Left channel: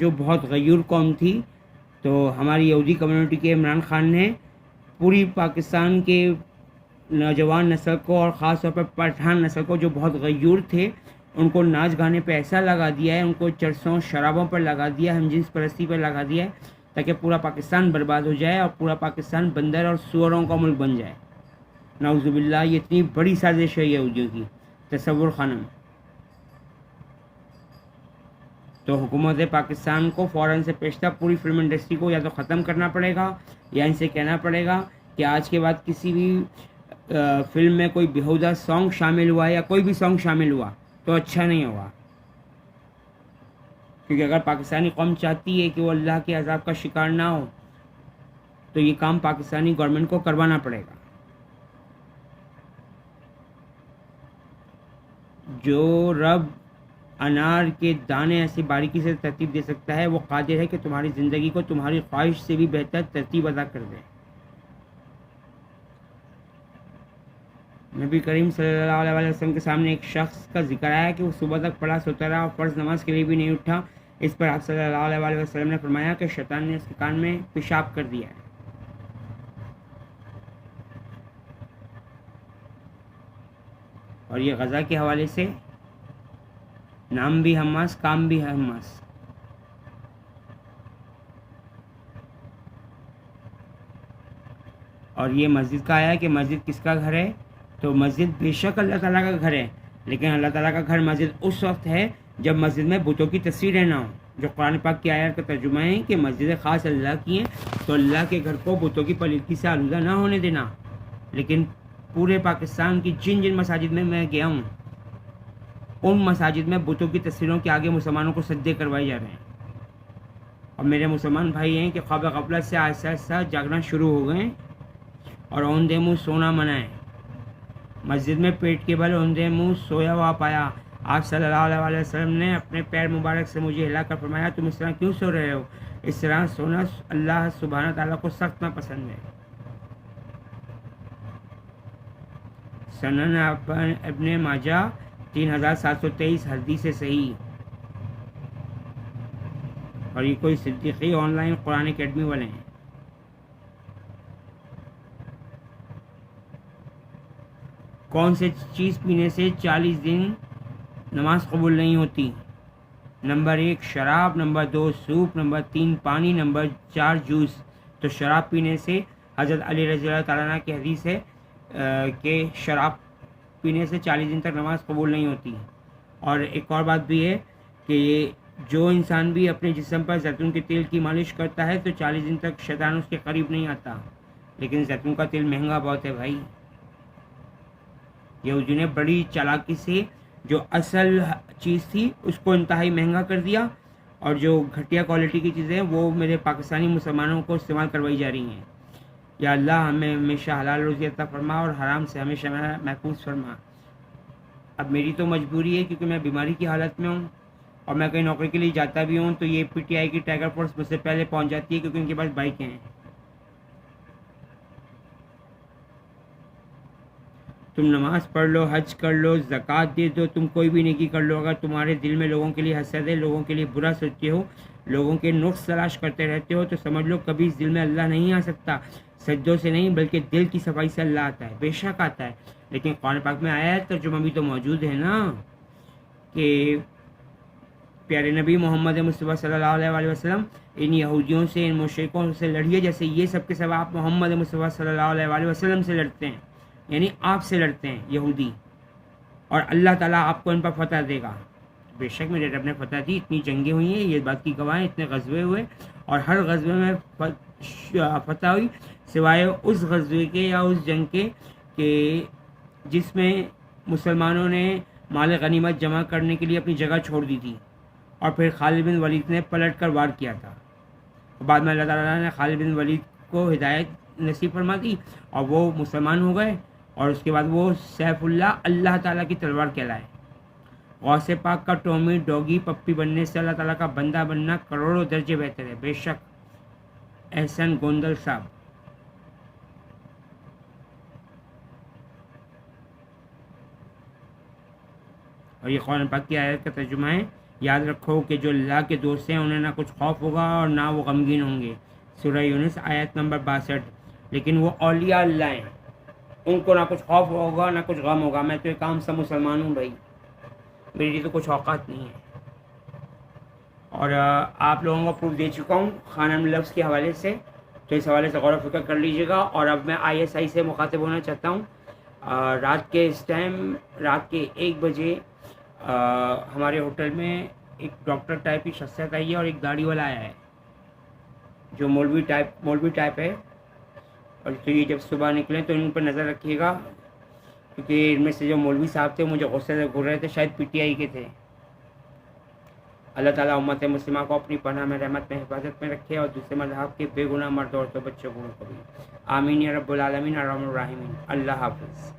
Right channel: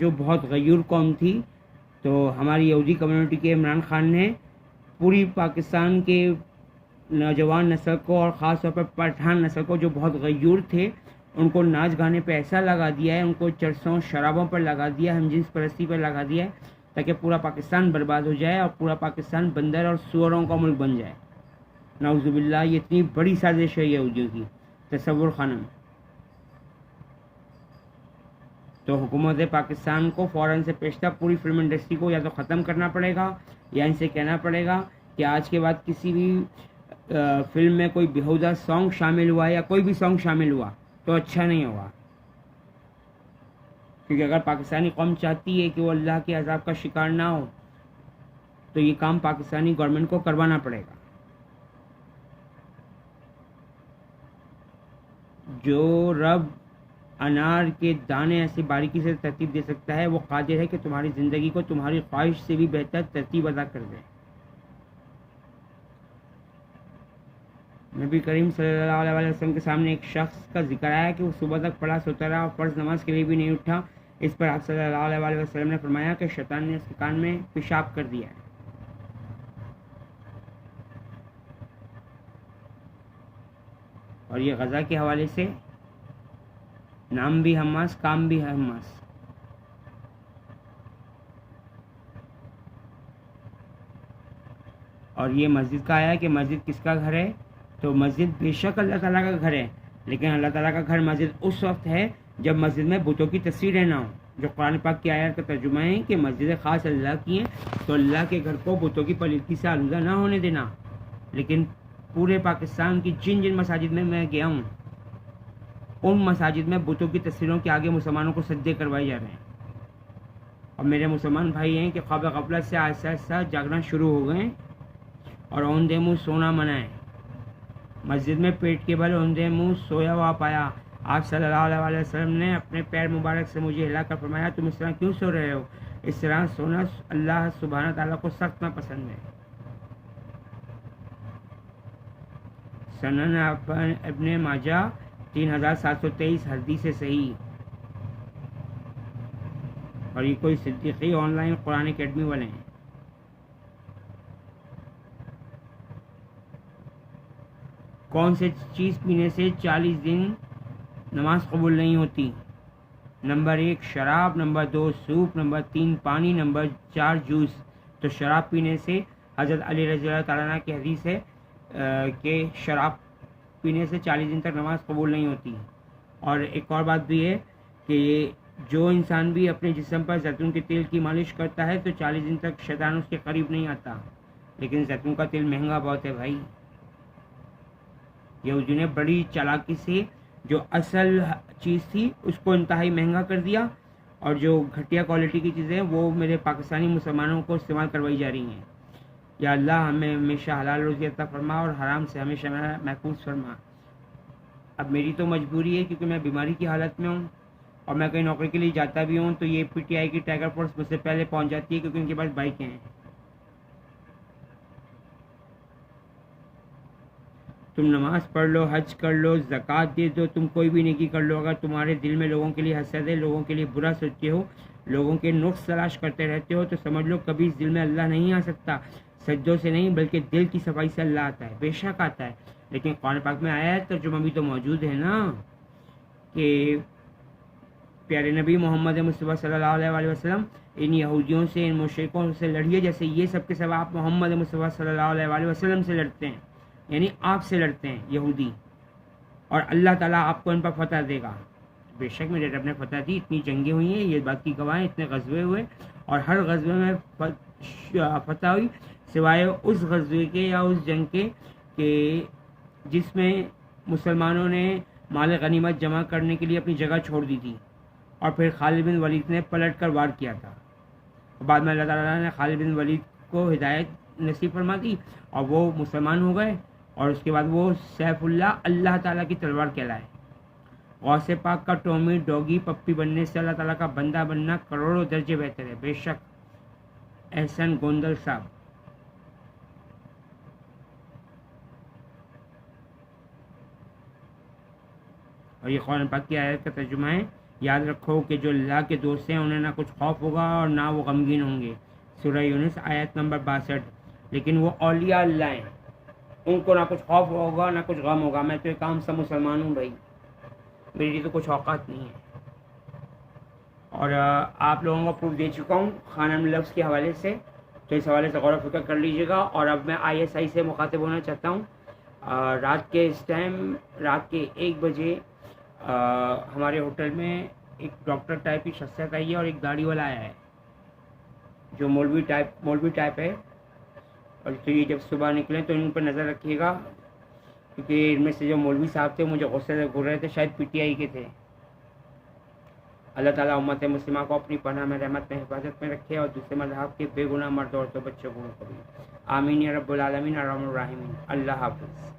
جو بہت غیور قوم تھی، تو ہماری یہودی کمیونٹی کے عمران خان نے پوری پاکستان کے نوجوان نسل کو اور خاص طور پر پٹھان نسل کو جو بہت غیور تھے ان کو ناچ گانے پہ ایسا لگا دیا ہے، ان کو چرسوں شرابوں پر لگا دیا ہے، ہم جنس پرستی پر لگا دیا ہے، تاکہ پورا پاکستان برباد ہو جائے اور پورا پاکستان بندر اور سوروں کا ملک بن جائے۔ نعوذ باللہ، یہ اتنی بڑی سازش ہے یہودیوں کی، تصور خانم۔ تو حکومت پاکستان کو فوراً سے پیشتہ پوری فلم انڈسٹری کو یا تو ختم کرنا پڑے گا یا ان سے کہنا پڑے گا کہ آج کے بعد کسی بھی فلم میں کوئی بیہودہ سانگ شامل ہوا یا کوئی بھی سانگ شامل ہوا تو اچھا نہیں ہوگا، کیونکہ اگر پاکستانی قوم چاہتی ہے کہ وہ اللہ کے عذاب کا شکار نہ ہو تو یہ کام پاکستانی گورنمنٹ کو کروانا پڑے گا۔ جو رب انار کے دانے ایسی باریکی سے ترتیب دے سکتا ہے وہ قادر ہے کہ تمہاری زندگی کو تمہاری خواہش سے بھی بہتر ترتیب ادا کر دے۔ نبی کریم صلی اللہ علیہ وسلم کے سامنے ایک شخص کا ذکر آیا کہ وہ صبح تک پڑا سوتا رہا اور فرض نماز کے لیے بھی نہیں اٹھا۔ اس پر آپ صلی اللہ علیہ وسلم نے فرمایا کہ شیطان نے اس کے کان میں پیشاب کر دیا ہے۔ اور یہ غزہ کے حوالے سے نام بھی حماس، کام بھی حماس۔ اور یہ مسجد کا آیا کہ مسجد کس کا گھر ہے، تو مسجد بے شک اللہ تعالیٰ کا گھر ہے، لیکن اللہ تعالیٰ کا گھر مسجد اس وقت ہے جب مسجد میں بتوں کی تصویریں نہ ہوں، جو قرآن پاک کی آیات کا ترجمہ ہے کہ مسجد خاص اللہ کی ہیں، تو اللہ کے گھر کو بتوں کی پلیدگی سے آلودہ نہ ہونے دینا۔ لیکن پورے پاکستان کی جن جن مساجد میں گیا ہوں ان مساجد میں بتوں کی تصویروں کے آگے مسلمانوں کو سجدے کروائی جا رہے ہیں، اور میرے مسلمان بھائی ہیں کہ خواب غفلت سے آہستہ آہستہ جاگنا شروع ہو گئے اور اوندے منہ سونا منائے۔ مسجد میں پیٹ کے بل اوندے منہ سویا ہوا پایا۔ آپ صلی اللہ علیہ وسلم نے اپنے پیر مبارک سے مجھے ہلا کر فرمایا تم اس طرح کیوں سو رہے ہو؟ اس طرح سونا اللہ سبحانہ تعالیٰ کو سخت ناپسند ہے۔ سنن ابن ماجہ 3723 حدیث صحیح۔ اور یہ کوئی Siddiqui on line Quran academy والے ہیں۔ کون سے چیز پینے سے 40 دن نماز قبول نہیں ہوتی؟ نمبر 1 شراب، نمبر 2 سوپ، نمبر 3 پانی، نمبر 4 جوس۔ تو شراب پینے سے حضرت علی رضی اللہ تعالیٰ عنہ کی حدیث ہے کہ شراب پینے سے 40 دن تک نماز قبول نہیں ہوتی۔ اور ایک اور بات بھی ہے کہ جو انسان بھی اپنے جسم پر زیتون کے تیل کی مالش کرتا ہے تو 40 دن تک شیطان اس کے قریب نہیں آتا، لیکن زیتون کا تیل مہنگا بہت ہے بھائی۔ یہودیوں نے بڑی چالاکی سے جو اصل چیز تھی اس کو انتہائی مہنگا کر دیا، اور جو گھٹیا کوالٹی کی چیزیں وہ میرے پاکستانی مسلمانوں کو استعمال کروائی جا رہی ہیں۔ یا اللہ ہمیں ہمیشہ حلال روزی عطا فرما اور حرام سے ہمیشہ محفوظ فرما۔ اب میری تو مجبوری ہے کیونکہ میں بیماری کی حالت میں ہوں اور میں کہیں نوکری کے لیے جاتا بھی ہوں تو یہ پی ٹی آئی کی ٹائیگر فورس مجھ سے پہلے پہنچ جاتی ہے کیونکہ ان کے پاس بائکیں ہیں۔ تم نماز پڑھ لو، حج کر لو، زکوٰۃ دے دو، تم کوئی بھی نیکی کر لو، اگر تمہارے دل میں لوگوں کے لیے حسد ہے، لوگوں کے لیے برا سوچتے ہو، لوگوں کے نقص تلاش کرتے رہتے ہو، تو سمجھ لو کبھی اس دل میں اللہ نہیں آ سکتا۔ سجدوں سے نہیں بلکہ دل کی صفائی سے اللہ آتا ہے، بے شک آتا ہے۔ لیکن قرآن پاک میں آیا ہے، ترجمہ بھی تو موجود ہے نا، کہ پیارے نبی محمد مصطفیٰ صلی اللہ علیہ وسلم ان یہودیوں سے، ان مشرکوں سے لڑیے جیسے یہ سب کے سب آپ محمد مصطفیٰ صلی اللہ علیہ وسلم سے لڑتے ہیں، یعنی آپ سے لڑتے ہیں یہودی، اور اللہ تعالیٰ آپ کو ان پر فتح دے گا۔ بے شک میرے رب نے فتح دی، اتنی جنگیں ہوئی ہیں، یہ بات کی گواہ ہیں، اتنے غزوے ہوئے اور ہر غزوے میں فتح ہوئی سوائے اس غزوے کے یا اس جنگ کے کہ جس میں مسلمانوں نے مال غنیمت جمع کرنے کے لیے اپنی جگہ چھوڑ دی تھی اور پھر خالد بن ولید نے پلٹ کر وار کیا تھا۔ بعد میں اللہ تعالیٰ نے خالد بن ولید کو ہدایت نصیب فرما دی اور وہ مسلمان ہو گئے، اور اس کے بعد وہ سیف اللہ، اللہ تعالیٰ کی تلوار کہلائے۔ غوث پاک کا ٹومی ڈوگی پپی بننے سے اللہ تعالیٰ کا بندہ بننا کروڑوں درجے بہتر ہے، بے شک۔ احسن گوندل صاحب۔ اور یہ قرآن پاک کی آیت کا ترجمہ ہے یاد رکھو کہ جو اللہ کے دوست ہیں انہیں نہ کچھ خوف ہوگا اور نہ وہ غمگین ہوں گے. سورہ یونس آیت نمبر 62. لیکن وہ اولیاء اللہ ہیں, ان کو نہ کچھ خوف ہوگا نہ کچھ غم ہوگا. میں تو ایک عام سا مسلمان ہوں بھائی, میری تو کچھ اوقات نہیں ہے. اور آپ لوگوں کو پروف دے چکا ہوں خانم لفظ کے حوالے سے, تو اس حوالے سے غور و فکر کر لیجیے گا. اور اب میں ISI سے مخاطب ہونا چاہتا ہوں. رات کے اس ٹائم رات کے 1 بجے ہمارے ہوٹل میں ایک ڈاکٹر ٹائپ کی شخصیت آئی ہے اور ایک داڑھی والا آیا ہے جو مولوی ٹائپ ہے. اور تو یہ جب صبح نکلیں تو ان پر نظر رکھیے گا, کیونکہ ان میں سے جو مولوی صاحب تھے مجھے غصے سے گھور رہے تھے, شاید PTI کے تھے. اللہ تعالیٰ امت مسلمہ کو اپنی پناہ میں رحمت میں حفاظت میں رکھے اور دوسرے مذہب کے بے گناہ مرد عورتوں بچوں کو بھی. آمین یا رب العالمین ارحم الراحمین. اللہ حافظ.